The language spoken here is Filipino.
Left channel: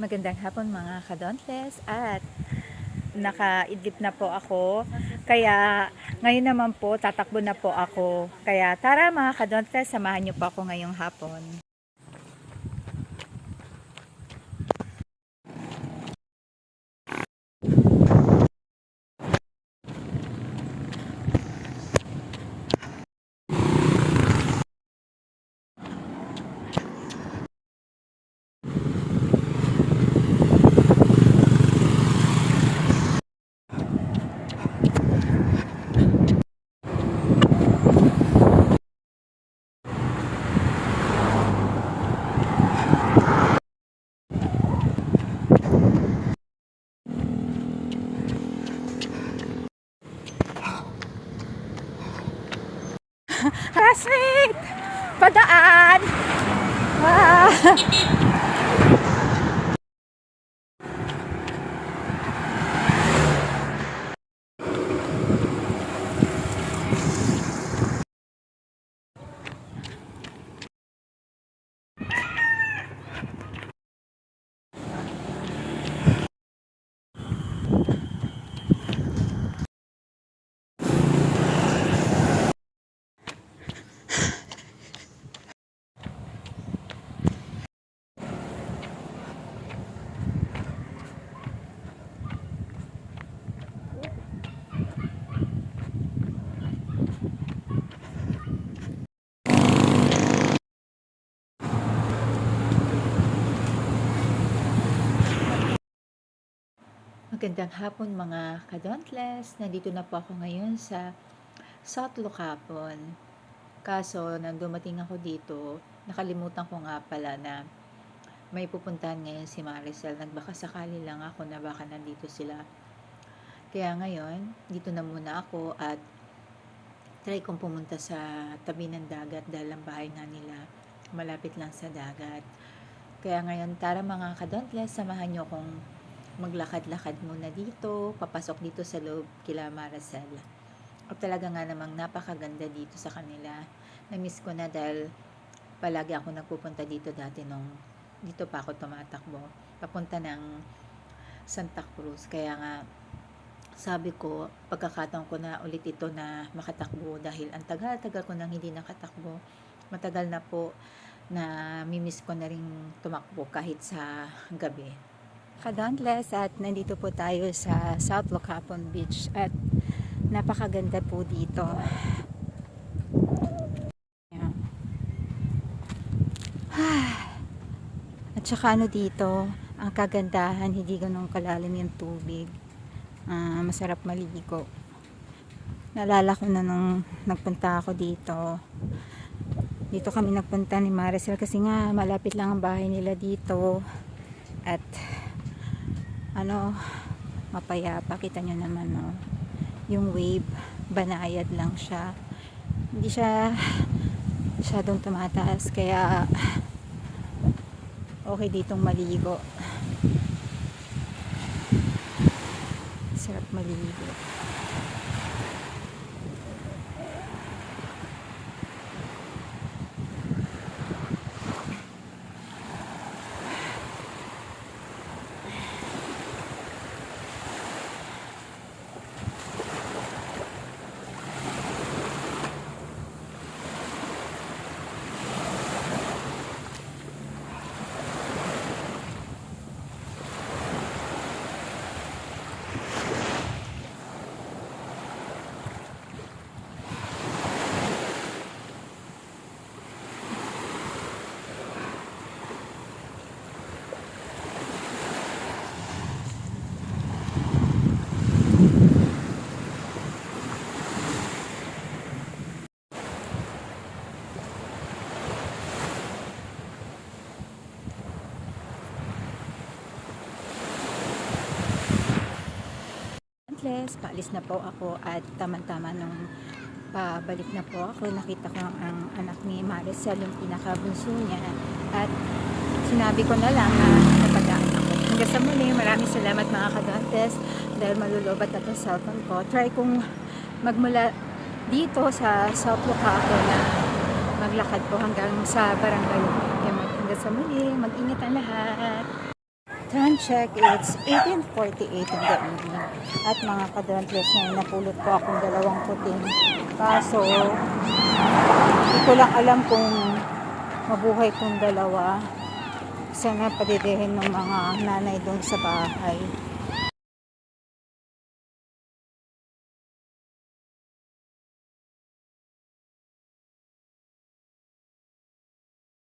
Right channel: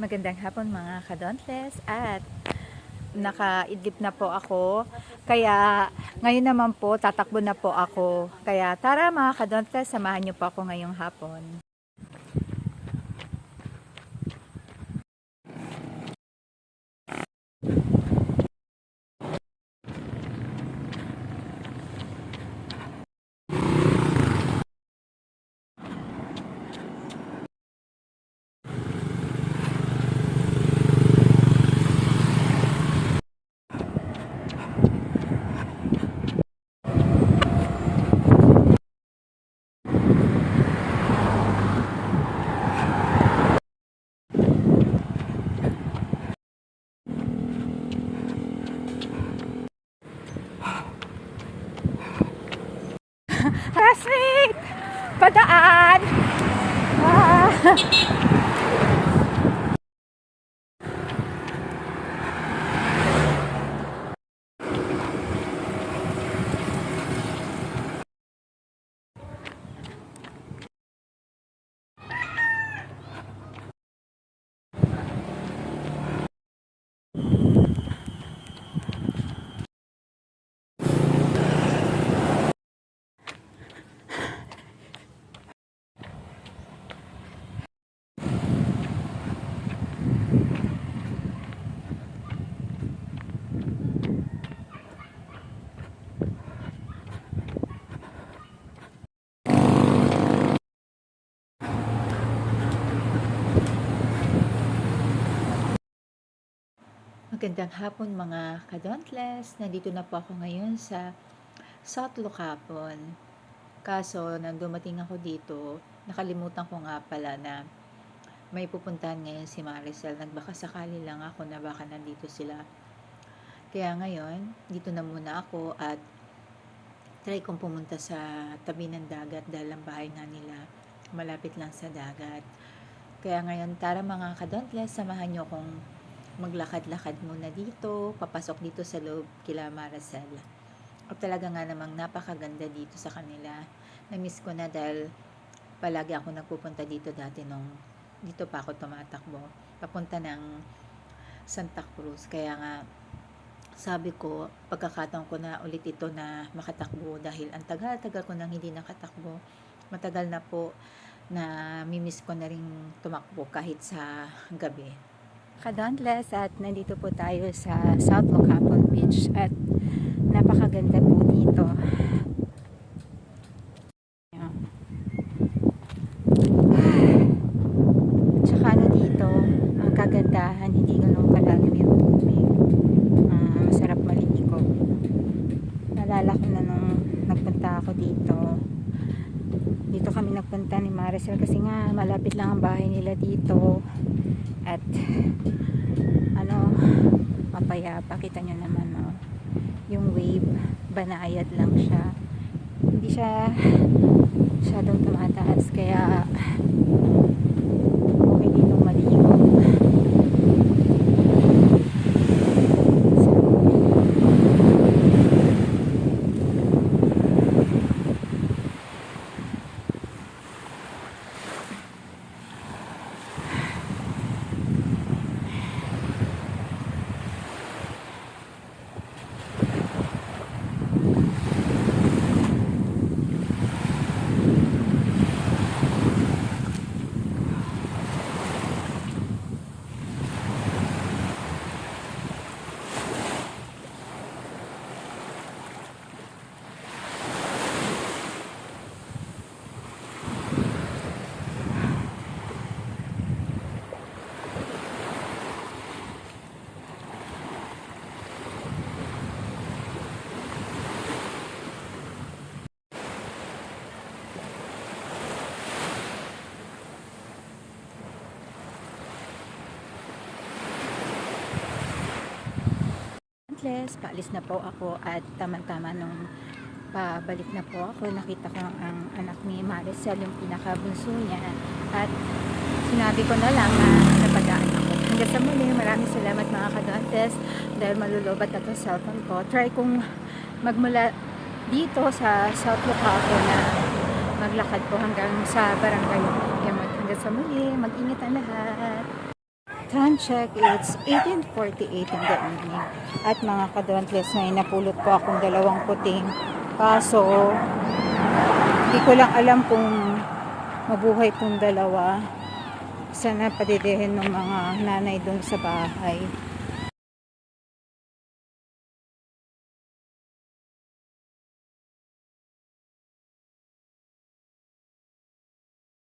Magandang hapon mga kadontes at nakaidlip na po ako. Kaya ngayon naman po tatakbo na po ako. Kaya tara mga kadontes, samahan niyo po ako ngayong hapon. Classmate! Padaan! Ah! Magandang hapon mga kadontles. Nandito na po ako ngayon sa South Lucapon. Kaso, nang dumating ako dito, nakalimutan ko nga pala na may pupuntahan ngayon si Maricel. Nagbaka sakali lang ako na baka nandito sila. Kaya ngayon, dito na muna ako at try kong pumunta sa tabi ng dagat dahil ang bahay nga nila malapit lang sa dagat. Kaya ngayon, tara mga kadontles, samahan nyo kong maglakad-lakad muna dito, papasok dito sa loob kila Maricel. At talaga nga namang napakaganda dito sa kanila. Na-miss ko na dahil palagi ako nagpupunta dito dati nung dito pa ako tumatakbo. Papunta ng Santa Cruz. Kaya nga, sabi ko, pagkakataon ko na ulit ito na makatakbo dahil ang tagal-tagal ko nang hindi nakatakbo. Matagal na po na mimiss ko na rin tumakbo kahit sa gabi. Kadontless at nandito po tayo sa South Locapon Beach at napakaganda po dito. Ayan. At saka ano dito, ang kagandahan, hindi ganun kalalim yung tubig. Ah, masarap maligo. Nalala ko na nung nagpunta ako dito. Dito kami nagpunta ni Maricel kasi nga malapit lang ang bahay nila dito. At ano, mapayapa. Kita nyo naman, no? Yung wave, banayad lang siya. Hindi siya masyadong tumataas. Kaya, okay ditong maligo. Sarap maligo. Atlas, paalis na po ako at tamang-tama nung pabalik na po ako, nakita ko ang anak ni Maricel, yung pinakabunso niya at sinabi ko na lang na napadaan ako. Hanggang sa muli, maraming salamat mga kadontes dahil malulobat na to sa cellphone ko. Try kong magmula dito sa South Locapo na maglakad po hanggang sa barangay. Hanggang sa muli, mag-ingat ang lahat. Time check, it's 18.48 in the evening. At mga kadrontless na napulot ko akong dalawang puting. Kaso, hindi ko lang alam kung mabuhay kong dalawa. Sana padidihin ng mga nanay doon sa bahay.